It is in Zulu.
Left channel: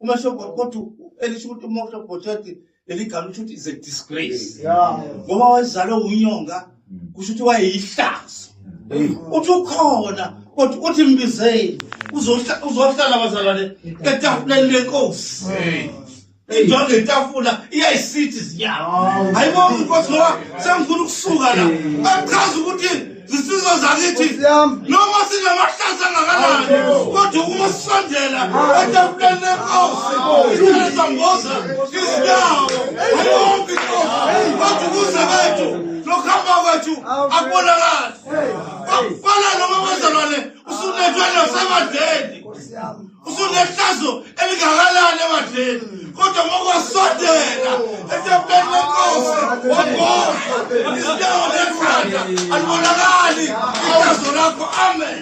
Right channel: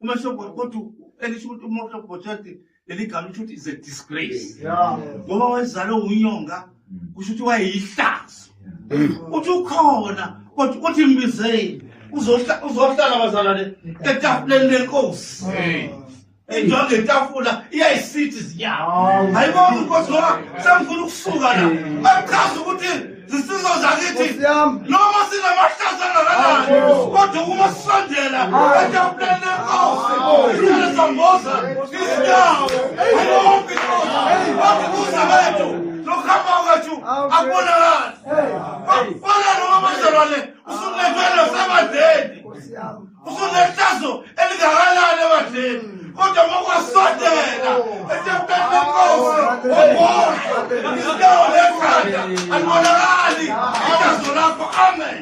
umashoko kodwa elisho ukuthi umuntu opportunity eligama ukuthi is a disgrace ngoba wazalwa unyonga kusho ukuthi wayeyihlazo uthi ukhona kodwa uthi imbizeli uzohlala abazalwane etafuleni lenkosi enjonge etafula iyayisithi zinyawo hayibo inkosi ngoba sengifuna ukusuka la achaza ukuthi zisizwe zakithi noma sinamahlazo angakanani kodwa uma sisondela etafuleni lenkosi isithala samboza izinyawo hayibo inkosi kodwa ukuze bethu nokuhamba kwethu akubonakali fana noma abazalwane usunethwele sabadeni usunehlazo elingakanani ebadeni kodwa mokwasondela etafuleni lenkosi wabona izinyawo lekhanda alibonakali ihlazo lakho amen